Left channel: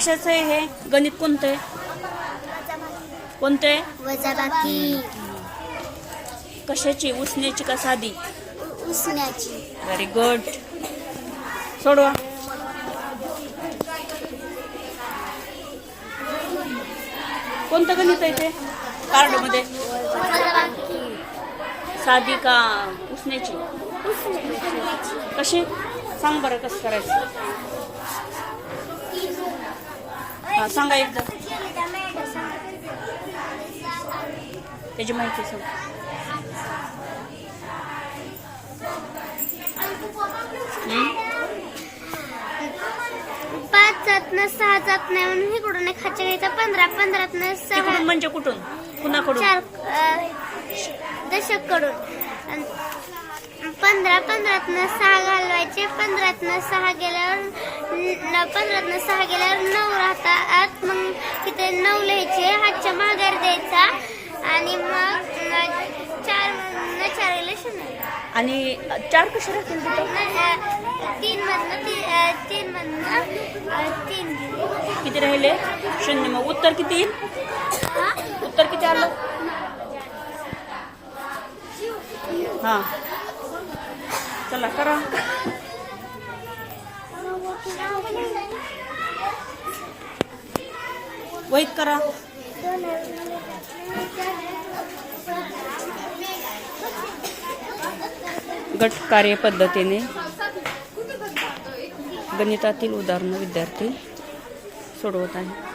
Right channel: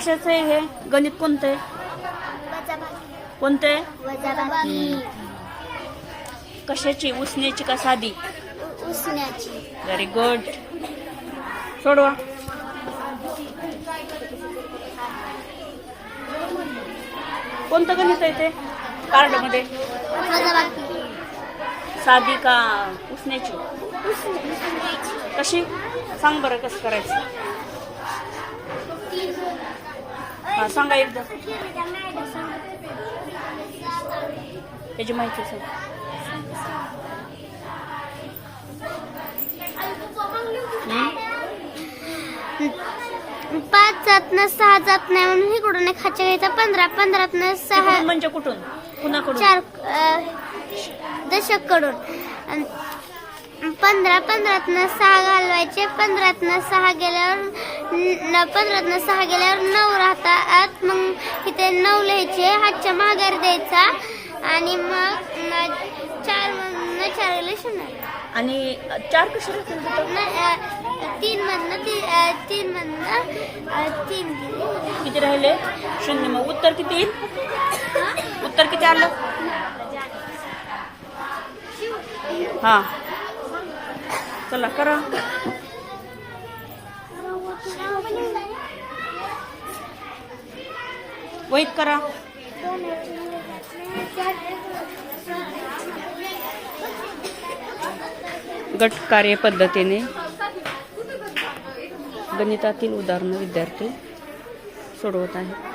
कशाचं आहे हे गणित? कोणतं आहे? कोणतं आहे? वजाबाकी. कशाची? उसण्याची का साधी? उसण्याची. Very good. सोडवा. कोणतं गणित आहे ते कार्ड मध्ये? वजाबाकी. साधी का उसण्याची? उसण्याची. कशी? सांग बरं कसं करायचं. हा सांगा एकदा त्याची माहिती सांग. पाच जातनं 6 जात नाही म्हणून इकडून एक खाच्या घ्यायचा. 15 15तनं 6. तिकडून म्हणजे कुठून? कुणाकडून? 4 दशककडून. 15 15तनं 6 घालवायचे. 15तनं 6 गेल्यावर 9 राहतात. मग तिथे 9 लिहायचे. हातच्या माघार द्यायचा आणि मग 4 4 0. आणि 4 कसे राहतील तिथं? 3 मधनं 3 किती राहिले? 0. मग उत्तर किती येईल? उत्तर किती आलं? हा चला करा. वहीत करा. गट कार्य पद्धतीने गणितातील उदाहरणं विद्यार्थी सोडवत आहेत.